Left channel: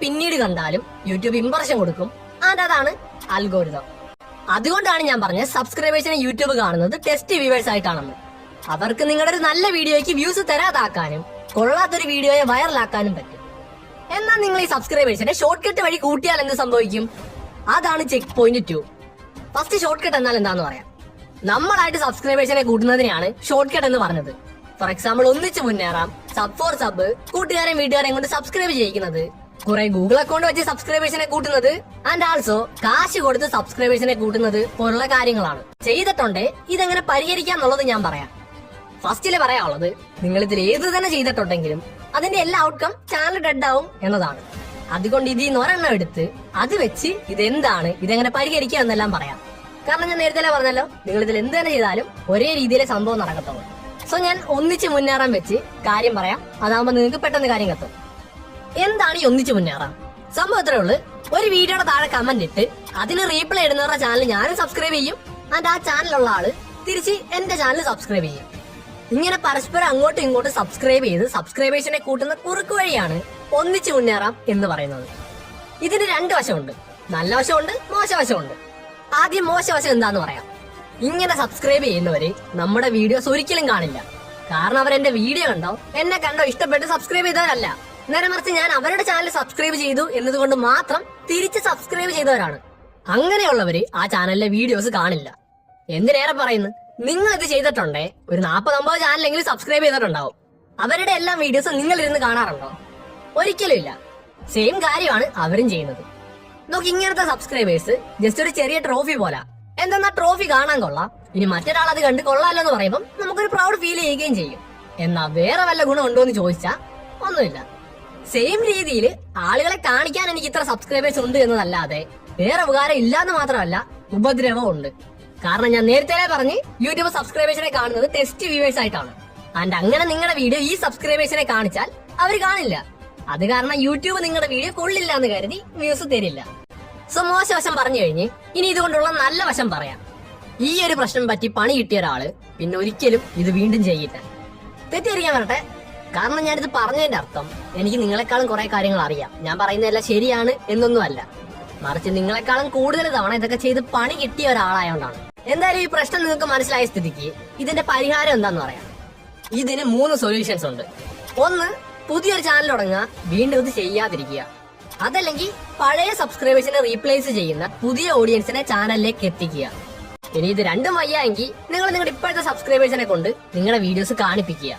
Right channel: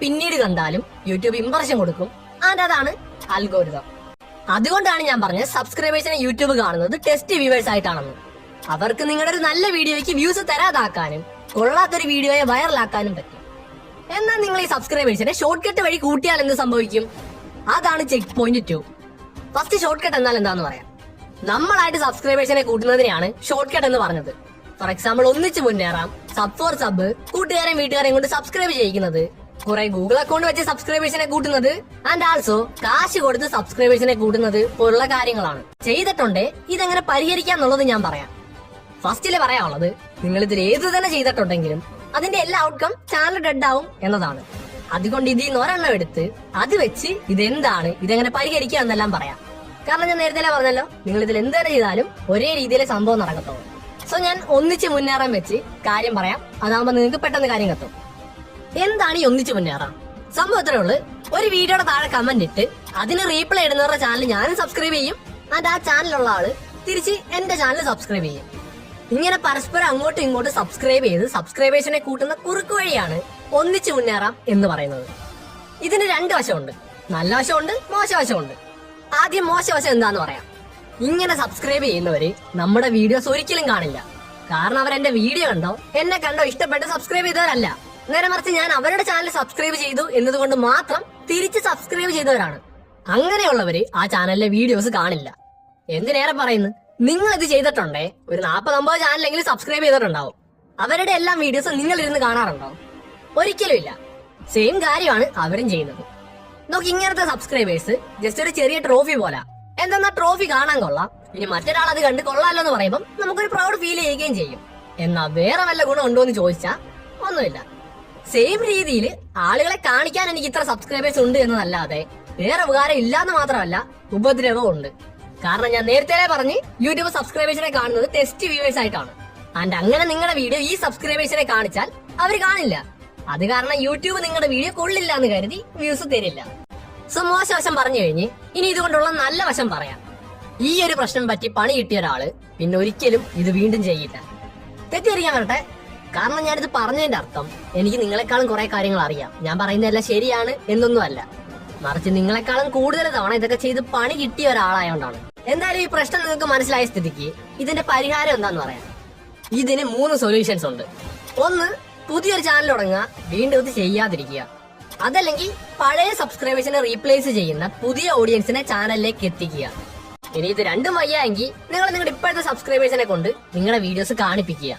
പിന്നീട് കണ്ടാലും YouTube impression കൊടുക്കും. അതാണ് അൽഗോരിതം. അതുകൊണ്ടാണ് ഞാൻ പറഞ്ഞത് സബ്സ്ക്രൈബേഴ്സിനെ യൂട്യൂബ് കാണുന്നത് ടെസ്റ്റ് വ്യൂവേഴ്സ് ആയിട്ടാണെന്ന്. അവർക്ക് നിങ്ങളുടെ ഒരു നല്ല വീഡിയോയ്ക്ക് വ്യൂസ് തരാതാക്കാനും കൊള്ളാത്തൊരു വീഡിയോയെ വൈറലാക്കാനും പറ്റും. എന്നാൽ നിങ്ങൾ ഈ സബ്സ്ക്രൈബേഴ്സിനെ ഷോർട്ട് കട്ട് വഴി കൂട്ടിയാൽ എന്ത് സംഭവിക്കും? അതാണ് check point 2. First short cut എന്നാൽ എന്താന്ന് പറയാം. നമ്മളായിട്ട് സബ്സ്ക്രൈബേഴ്സിനെ കൂട്ടുന്നതിനെയാണ് ഷോർട്ട് കട്ട് എന്ന് പറഞ്ഞത്. ഫോർ എക്സാമ്പിൾ, ഒന്നിച്ച് മുന്നേറാം, സബ് ഫോർ സബ്, കൂട്ടുകാരെയും വീട്ടുകാരെയും കൊണ്ട് സബ്സ്ക്രൈബ് ചെയ്യിക്കുന്നത്, കുറെ ഗൂഗിൾ അക്കൗണ്ട് വെച്ച് സബ്സ്ക്രൈബേഴ്സിനെ കൂട്ടുന്നത്, ആൻഡ് ആൾസോ കാശ് കൊടുത്ത് സബ്സ്ക്രൈബേഴ്സിനെ കൂട്ടുന്നത് പോലുള്ള കാര്യങ്ങളാണ്. ചെയ്തിട്ടുണ്ട്. ഇതെങ്ങനെ പരിഹരിക്കാം എന്നുള്ളത് ഞാൻ പറയാം. ഫസ്റ്റില് പറയാനുള്ളത്, നിങ്ങൾ ഇതിൽ ഏത് തന്നെ ചെയ്തിട്ടുണ്ടെങ്കിലും അതിന്റെ എല്ലാ ഔട്ട്കം ചാനൽ ഡെഡ് ആവും എന്നതാണ്. അതുകൊണ്ട് ഇതിൽ നിന്ന് ഒരെണ്ണം എടുത്ത് അത് വെച്ച് ഇതെന്താണ്, ഇതെങ്ങനെ പരിഹരിക്കാം എന്നെല്ലാം പറയാം. കാരണം ഞാൻ നേരത്തെ പറഞ്ഞല്ലോ, നിങ്ങൾ ഇതിൽ എന്ത് തന്നെ ചെയ്താലും ഒരേ രീതിയിലെ സംഭവം നടക്കത്തുള്ളൂ. സോ ഞാൻ ഒന്നിച്ച് മുന്നേറാൻ വെച്ച് കാര്യം പറയാം. അതാകുമ്പോൾ നിങ്ങൾക്ക് പെട്ടെന്ന് കാര്യം കത്തും. എന്താണ് ഈ ഒന്നിച്ച് മുന്നേറാം? സംഭവം ഇത്രേ ഉള്ളൂ. ഒരു വീഡിയോയുടെ താഴെ കമന്റ് ഇട്ട് അതിന് റീപ്ലൈ ഇടുന്നവരുടെ ചാനൽ ഞാനും സബ്സ്ക്രൈബ് ചെയ്യും, അത് ആ ചാനലുള്ള ആള് തിരിച്ച് എന്റെ ചാനൽ സബ്സ്ക്രൈബ് ചെയ്യും. ഇങ്ങനെ പരസ്പരം അങ്ങോട്ടും ഇങ്ങോട്ടും സബ്സ്ക്രൈബ് ചെയ്ത് സബ്സ്ക്രൈബേഴ്സിനെ കൂട്ടുന്ന കുറുക്കു വഴിയാണ് ഒന്നിച്ച് മുന്നേറാം എന്ന് പറയുന്നത്. ഇതിന് രണ്ട് വശമുണ്ട്, നല്ല വശമുണ്ട്, മോശവശമുണ്ട്. ആദ്യം മോശവശം എന്താന്ന് പറയാം. ഇങ്ങനെ സബ്സ്ക്രൈബ് ചെയ്യുന്നവര് നമ്മുടെ വീഡിയോസ് ഒരിക്കലും കാണില്ല. കാരണം അവരെന്റെ വീഡിയോ കണ്ടോ, എന്നെ കണ്ടോ ഇഷ്ടപ്പെട്ട് സബ്സ്ക്രൈബ് ചെയ്തവരല്ല. നേരെ മറിച്ച് ഞാൻ അവരുടെ ചാനൽ സബ്സ്ക്രൈബ് ചെയ്തു എന്നതുകൊണ്ട് മാത്രം തിരിച്ച് സബ്സ്ക്രൈബ് ചെയ്തവരാണ്. അങ്ങനെയുള്ളവര് ആ ചാനലിലെ വീഡിയോസ് കാണില്ല. എന്തിനേറെ പറയുന്നു, നിങ്ങൾ ഇത് ചെയ്തിട്ടുണ്ടേ ഒരു 40-50 ചാനലെങ്കിലും സബ്സ്ക്രൈബ് ചെയ്തിട്ടുണ്ടാവും. അവരുടെ എല്ലാ വീഡിയോസും നിങ്ങൾ ഇരുന്ന് കാണാറുണ്ടോ? ഒരിക്കലും ഇല്ല. സെയിം കാര്യമാണ് അവരും ചെയ്യുന്നത്. നോക്ക്, ഇങ്ങനത്തെ സബ്സ്ക്രൈബേഴ്സ് ജസ്റ്റ് ഒരു ചെറിയ ട്രോഫി പോലെ. എന്തെന്നാ ട്രോഫി കാണാൻ കൊള്ളാം, ഇനി മറ്റൊരാൾ അത് കണ്ട് കൊള്ളാമല്ലോ പറയുമ്പോൾ നമുക്കൊരു പ്രൗഡ് ഫീൽ ചെയ്യുകയും ചെയ്യും. എന്നാ വേറെ വല്ല ഗുണം ഉണ്ടോ എന്ന് ചോദിച്ചാ ഒന്നുമില്ല. സെയിം രീതിയിൽ ആളുകളെ കാണിക്കാൻ എനിക്ക് ഇത്ര സബ്സ്ക്രൈബേഴ്സ് ഉണ്ട് എന്നതല്ലാതെ വേറെ ഉപകാരം ഇല്ലാന്ന് മാത്രമല്ല, ഉപദ്രവം ഉണ്ട്. കാരണം ഞാൻ നേരത്തെ പറഞ്ഞ് യൂട്യൂബ് സബ്സ്ക്രൈബേഴ്സിനെ കാണുന്നത് ടെസ്റ്റ് വ്യൂവേഴ്സ് ആയിട്ടാണ്. ആൻഡ് അങ്ങനെ നിങ്ങളുടെ വീഡിയോ ഈ സബ്സ്ക്രൈബേഴ്സിനെ കാണിച്ചാൽ അവർ കാണില്ല. അത് കാരണം യൂട്യൂബ് നിങ്ങളുടെ വീഡിയോ കൊള്ളില്ല എന്ന് കരുതി വ്യൂസ് തരില്ല. സോ മോശവശം പറഞ്ഞു കഴിഞ്ഞ് ഇനി ഇതുകൊണ്ടുള്ള നല്ല വശം പറയാം. ഈ ഒരു പ്രശ്നം പറ്റി പണി കിട്ടിയ ഒരാള് പിന്നെ ഒരിക്കലും ഇത് വീണ്ടും ചെയ്യില്ല. തെറ്റിദ്ധരിക്കാൻ വരട്ടെ, കാരണം ഞാനിത് പറഞ്ഞതിന്റെ അർത്ഥം എനിക്ക് നിങ്ങളെക്കാളും കുറെ കാര്യങ്ങൾ അറിയാം. ഞാൻ പറയുന്നതെല്ലാം ശരിയാണ് എന്നൊന്നും അല്ല, മറിച്ച് നിങ്ങളെക്കാളും കൂടുതൽ തവണ ഇതൊക്കെ ചെയ്ത് പണി കിട്ടിയ ഒരാളായോണ്ടാണ്. എന്തായാലും ഈ പ്രശ്നം നിങ്ങൾക്ക് മനസ്സിലായ സ്ഥിതിക്ക് ഇതിന്റെ പരിഹാരം എന്താന്ന് പറയാം. ഇതിന് 3 സൊല്യൂഷൻസ് ഉണ്ട്. ഒന്ന്, പുതിയൊരു ചാനൽ തുടങ്ങുക, വീണ്ടും ഇത് ചെയ്യാതിരിക്കുക. അതല്ലെങ്കിൽ പഴയ സബ്സ്ക്രൈബേഴ്സിനെ റീപ്ലേസ് ചെയ്യുന്ന പുതിയ ഓഡിയൻസിനെ ചാനലിലേക്ക് എത്തിക്കുക. ഇനി ഇത് രണ്ടും വയ്യായെങ്കിൽ നിങ്ങൾ നിങ്ങളുടെ ഇപ്പോഴത്തെ സബ്സ്ക്രൈബേഴ്സിനെ കൊണ്ട് നിങ്ങളുടെ വീഡിയോസ് കാണിപ്പിക്കുക.